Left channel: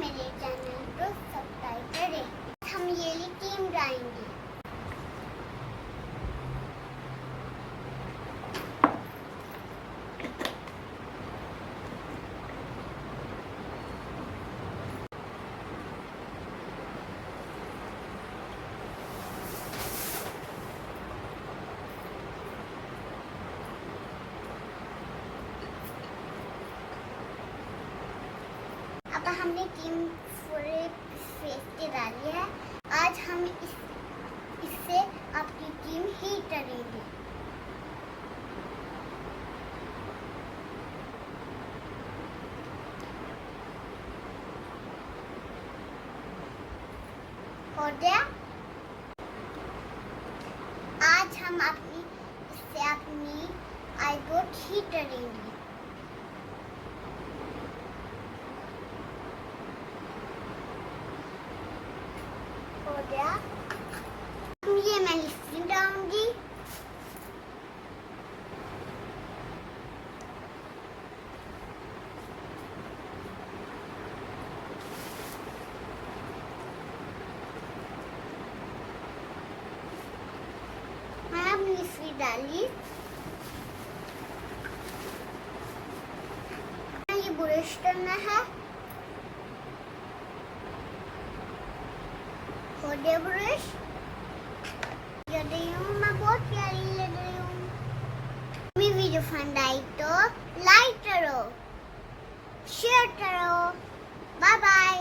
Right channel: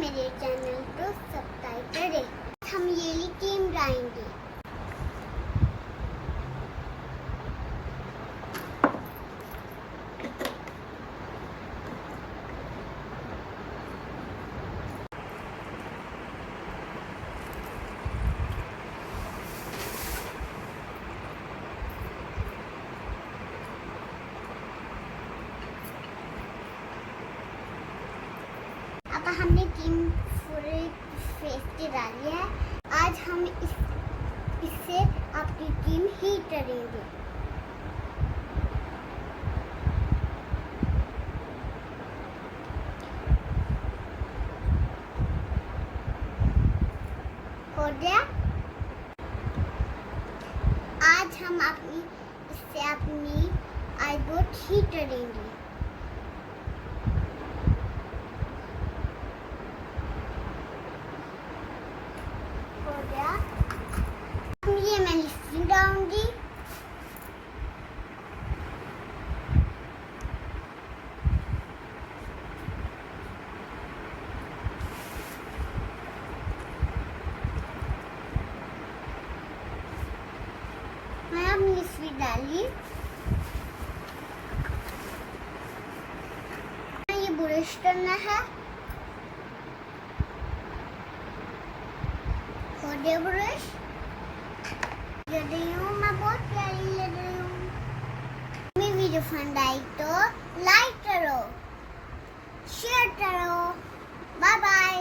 मेरे चैनल को सब्सक्राइब करें। हम ये टीम बनाएंगे। अब हमने टीम पूरे फेस के डाली है। आज हम इससे आपकी टीम ही करेंगे। हो गया। आज हम इससे अपनी आईब्रो ठीक करेंगे। हो गया। ये मैं लिपस्टिक डालूंगी। मैं अपनी लिपस्टिक डाली। ये ब्रश करना है। हो गया ब्रश। लग रही हूँ, मैं बहुत प्यारी लग रही हूँ। मेरी वीडियो पसंद आई तो लाइक करो, शेयर करो। Bye bye.